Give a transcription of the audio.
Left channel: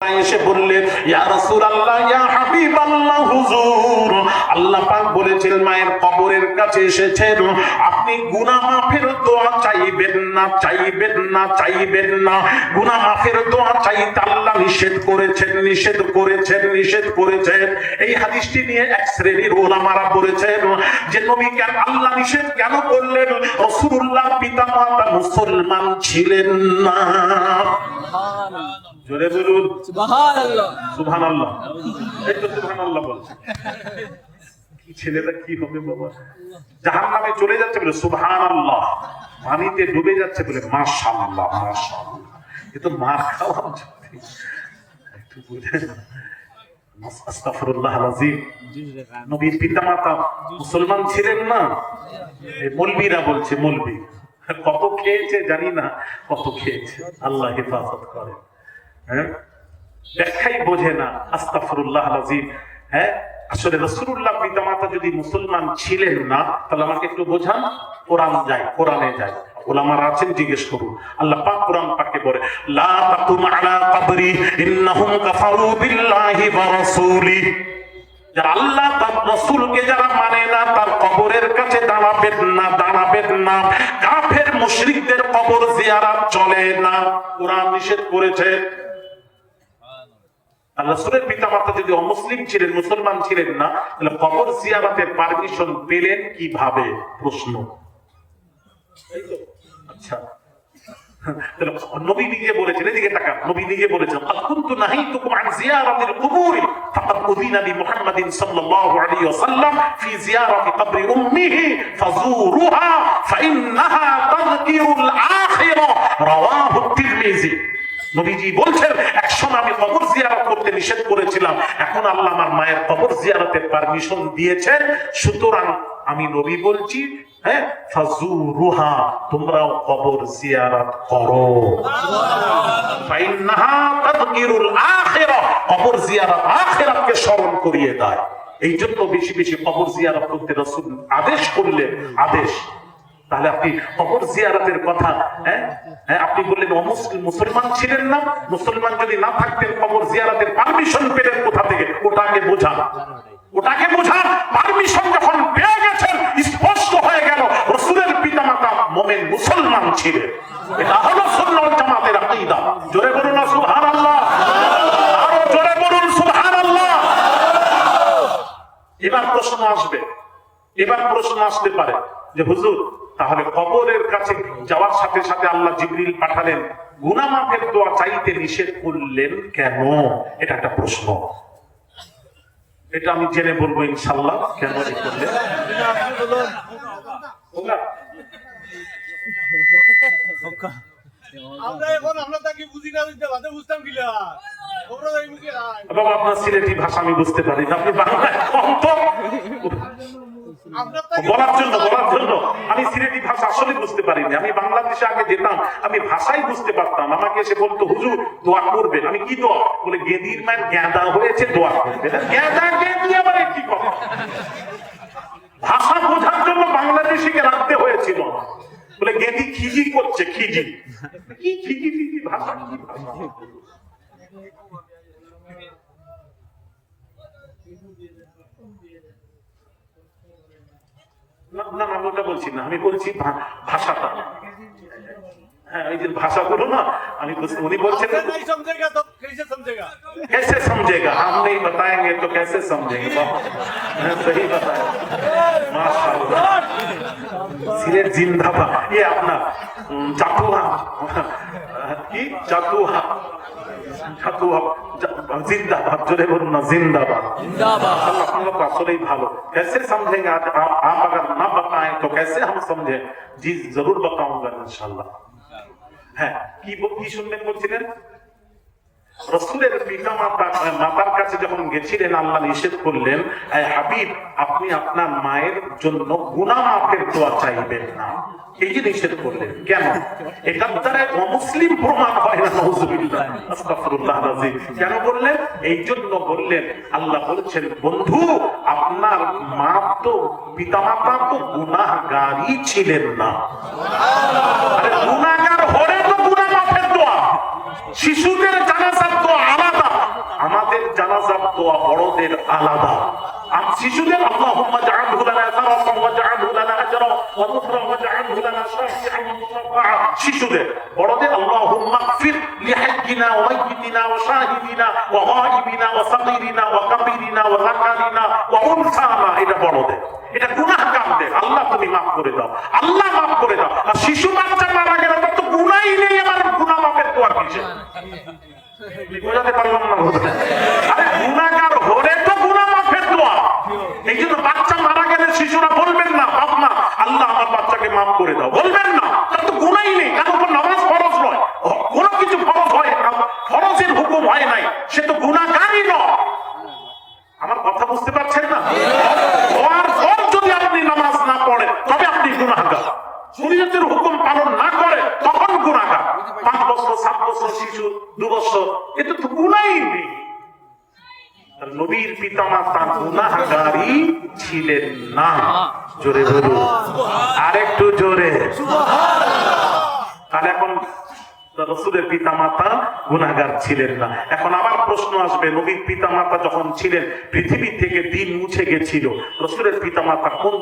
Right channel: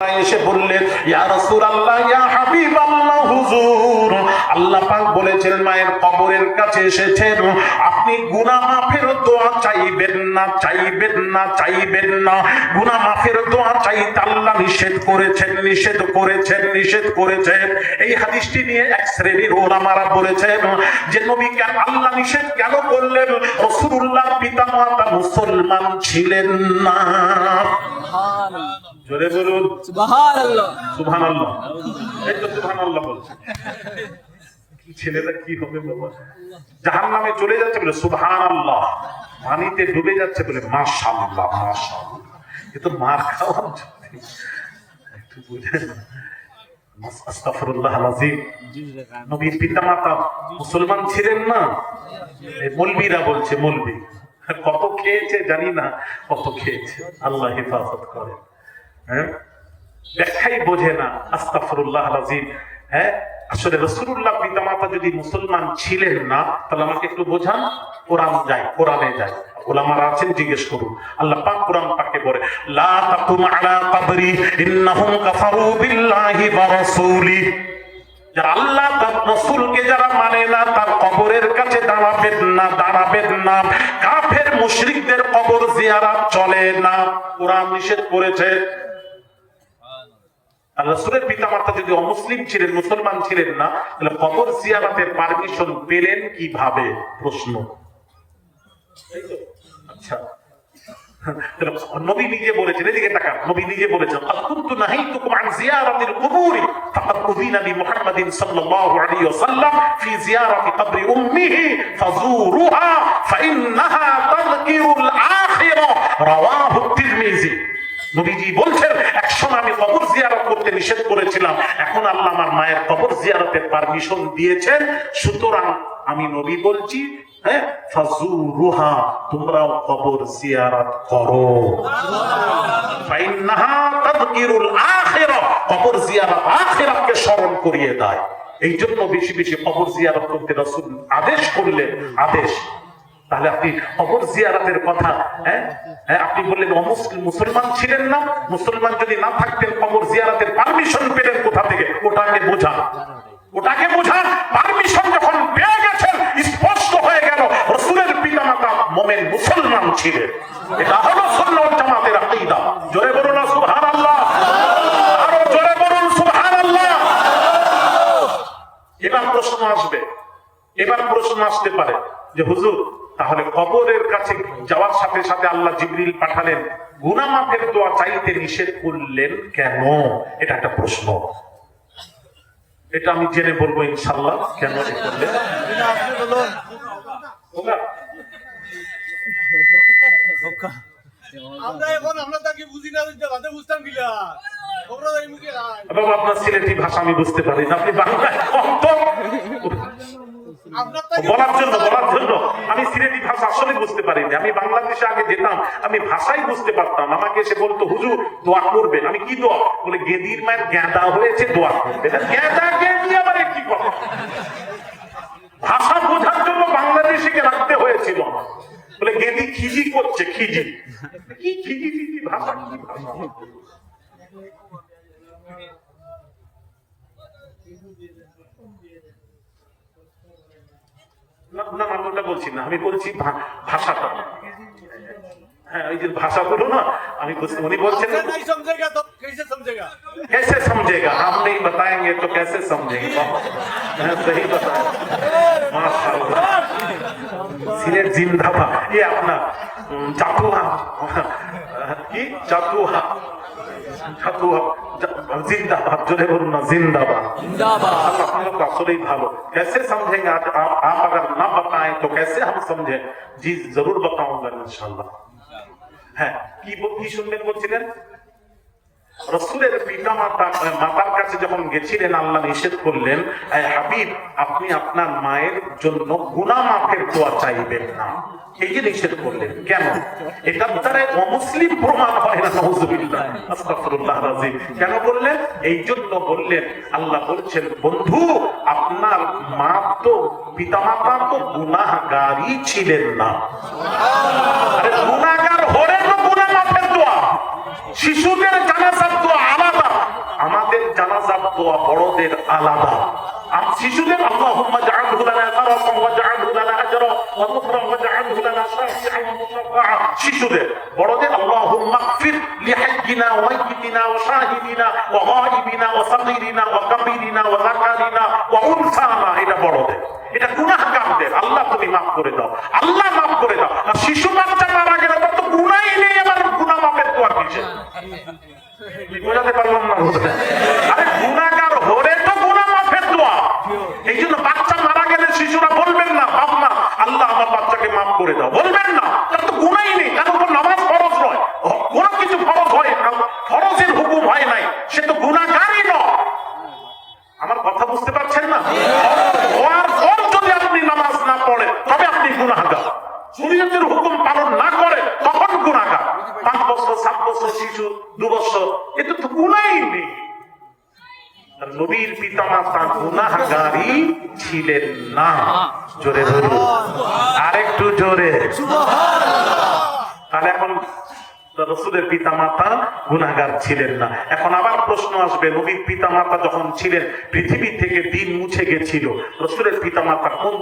এসে বললেন, ইয়া রাসূলুল্লাহ, ইয়া হাবিবাল্লাহ, হুজুর আল্লাহ পাক বলেছেন মায়ের কবরের কাছে এসেছেন, আপনি গুনাহ মাফের দোয়া চাইবেন না, চাইবেন না, চাইবেন না। গুনাহ মাফের দোয়া চাইতে আল্লাহ নিষেধ করেছেন, নিষেধ করেছেন, নিষেধ করেছেন। এই হাদিসটি নিয়ে এক শ্রেণীর উলামারা বলেছেন যে নবীকে আল্লাহ নিষেধ কেন করলেন? রাসূলুল্লাহ পিতামাতা মুসলমান ছিলেন না। জোরে বলুন সুবহানাল্লাহ। সুবহানাল্লাহ, এই তো সুবহানাল্লাহ বলছে। কি ছেলেটা কি হবে বাবা, জাহান্নামে চলে যাচ্ছে বলে সুবহানাল্লাহ, পানিতে ডুবে যাচ্ছে বলে মাশাআল্লাহ, মাশাআল্লাহ। এ তো মার খাওয়া, একটু বুঝেন। আস্তাগফিরুল্লাহ আল-আযীম। নবীর পিতামাতা মুসলমান ছিলেন না, এই মৌলবীরা বলছে, মৌলবী কত খেয়েছে জানি না, কত খেয়েছে, আল্লাহ হেফাজত করে। ব্যাখ্যাই বোঝে না, আস্তাগফিরুল্লাহ আল-আযীম। আসলে রাসূলুল্লাহ পিতামাতা যদি মুসলমান ছিলেন না, তাহলে আমাকে একটু বোঝান। কোরআনে যাই, উলামারা আছেন, জিজ্ঞেস করুন। আল্লাহ পাক কোরআন পাকে বলে, লা তাকুম আলা কবরি ইন্নাহুম কাফারু বিল্লাহি ওয়া রাসূলি। যারা আল্লাহ তার রাসূলকে যারা মানে না, তার কবরের কাছে দাঁড়াবেন না, দাঁড়াবেন না। কাফের মুশরিকদের কবর জিয়ারত চলে না, কোরআন নিষেধ করেছে। রাসূলের পিতামাতা যদি অমুসলিম ছিলেন, মুসলমান ছিলেন না, তাহলে কবর জিয়ারতের পারমিশন পেলেন কিভাবে? প্রশ্ন। আচ্ছা, নবী নিজে বলেছেন, এদিকে তাকান, নবী নিজে বলেছেন, আকুনতু নাহিতুকুম আন জিয়ারাতিল কুবুরি ফাকাদ উযিনা লি মুহাম্মাদিন সাল্লাল্লাহু আলাইহি ওয়াসাল্লাম ফি জিয়ারাতি কবরি উম্মিহি ফাযুরুহা ফাইন্নাহা তাযকিরুল আখিরা, রাওয়াহু তিরমিজি। নবীজি বলছেন, একসময় আমি কবর জিয়ারত করতে নিষেধ করেছিলাম, এখন আল্লাহ আমার মায়ের কবর জিয়ারতের পারমিশন দিয়েছেন, সুতরাং আমি নবী বলছি, ফাযুরুহা, তোমরাও কবর জিয়ারত করো। ফাইন্নাহা তাযকিরুল আখিরা, কবর জিয়ারত আখিরাতকে স্মরণ করিয়ে দেয়। এই জন্য বেশি বেশি কবর জিয়ারত করতে রাসূল আদেশ করলেন, আদেশ। তাহলে আপনি কবর জিয়ারতের কথা, আপনি বললেন মুসলমান ছিলেন না, মুসলমান যদি না থাকতেন কবর জিয়ারতের পারমিশন পেলেন কোথা থেকে? ওটাকে বোঝা, ওটাকে বোঝা। পারমিশন যখন পেয়ে গেছেন, স্পষ্ট হয়ে গেল রাসূলের পিতামাতা মুমিন মুসলমান ছিলেন। এটা হলো সুন্নাহ ওয়াল জামাতের আকীদা। জোরে বলুন না সুবহানাল্লাহ, আরো জোরে বলুন সুবহানাল্লাহ। এবার প্রশ্ন আসবে, এবার প্রশ্ন আসতে পারে যে হুজুর, তাহলে কবরের কাছে যাওয়ার সাথে সাথে আল্লাহ জিবরিল পাঠালেন, গুনাহ মাফের দোয়া চাইতে নিষেধ করলেন কেন? এটা একটা প্রশ্ন। এটা আমি জেনে বলবো ইনশাআল্লাহ, কেন করলেন। বাবা, আপনার সিলেটি ভাষা আমি বুঝতে পারি না, আপনি বাংলায় বলার জন্য আমি সিলেটি ভাষা আসলে বুঝতে পারিনি। আমি বাংলাদেশে আগে যেতাম, আমি ভাষাই বুঝতে পারতাম। আমাকে এসে বলতো, হুজুর দোয়া করবেন। আমি কি দোয়া? বলে গেদির মায়ের গেঁদা হয়েছে, দোয়া করবেন। গেঁদা গেঁদি আবার কি কথা? ভাষা বোঝার জন্য বাংলাদেশিকে রাখতে হয়েছিল। বলে গেদি খিজি করছে, খিজি কি, খিজি খিজি ভাষা, কি ভাষা? না, আমি ওটা বলছি না, আমি বলছি ভাষাটা। হ্যাঁ, ওই যে ভাষা বলো না, আমি উনি বলছেন कैसे समझेगा, हम नहीं बताएंगे तो कैसे समझेंगे। सही बताया, माशाअल्लाह। सिलेट जिंदाबाद। ये अपना चातुहा কি চাতুহা, চাতুহা जिंदाबाद। জোরে বলুন না, जिंदाबाद, जिंदाबाद। আপনারা আসলেই ভালো। कैसे समझेंगे आप अगर ना बताएं तो कैसे हम समझे? जी जरूर बताऊंगा इंशाल्लाह। হ্যাঁ, কি শুনলেন বলছিলেন? রাসূলের মাতার কাছে যখন গেছিলেন, আল্লাহ নিষেধ করলেন, হাবিব আপনি আপনার মায়ের জন্য গুনাহ মাফের দোয়া চাইবেন না। এই যে নিষেধ করলেন, কেন? এটার দ্বারা অমুসলিম প্রমাণ হয় না, নাউযুবিল্লাহ, আস্তাগফিরুল্লাহ আল-আযীম। কেন বললেন? এই জন্য বললেন, আল্লাহ বলছেন, বন্ধু আপনার মা তো, পিতামাতা তো গুনাহগারই ছিলেন না। গুনাহগার হলে তো গুনাহ মাফের দোয়া, শিশুদের জানাজার দোয়া আলাদা, বড়দের আলাদা। শিশুদের আল্লাহুম্মা জাআলহু লানা সারাফান ওয়া জাআলহু লানা আজরা ওয়া যুকরা ওয়া জাআলহু লানা শাফিআন ওয়া মুশাফফা। শিশুদের বড়দের আল্লাহুম্মা গফির লিহাজ্জিনা ওয়া মাইয়িতিনা ওয়া শাহিদিনা ওয়া গায়িবিনা ওয়া সাগীরিনা ওয়া কাবীরিনা ওয়া যাকারিনা ওয়া উনসানা। এটা বড়দের, এটা গুনাহগারদের। আল্লাহ তুমি মাফ করে দাও, আল্লাহ মাফ করে দাও। আর শিশু বাচ্চা মারা গেলে তার তো গুনাহই নেই, আবার গুনাহ মাফের দোয়া কিসের? বুঝাতে পারলাম না? আরে গুনাহগার হলে তো গুনাহ মাফের দোয়া। এই জন্য বাচ্চা মারা গেলে শিশুরা বলবেন না বাপ মা আল্লাহ আমার বাচ্চাকে মাফ করে দাও, বলবেন না। তার তো গুনাহই নেই, তার উপর নামাজ ফরজ নয়, কোনো কিছু ফরজ হয় না, ফরজের হুকুম হয় নাই, সে তো গুনাহগারই নয়। আমার কথা বুঝতে পারছেন না? হওয়ার পর যদি আপনি নামাজ না পড়েন তবে আপনি গুনাহগার। শরীয়তের হুকুম পালন না করে তখন গুনাহগার। 5 বছর 7 বছর শিশু 2 বছর, এতে তো গুনাহই নেই। নবীর পিতামাতা গুনাহগারই ছিলেন না। জোরে বলুন, আরেকটু জোরে। তাহলে এখন রাসূলের পিতামাতা গুনাহগার ছিলেন না। এখন আবার প্রশ্ন আসবে, নবীর পিতামাতা যখন ছিলেন পৃথিবী থেকে দিন মুছে গেছিল, রাসূলের পিতামাতা কোন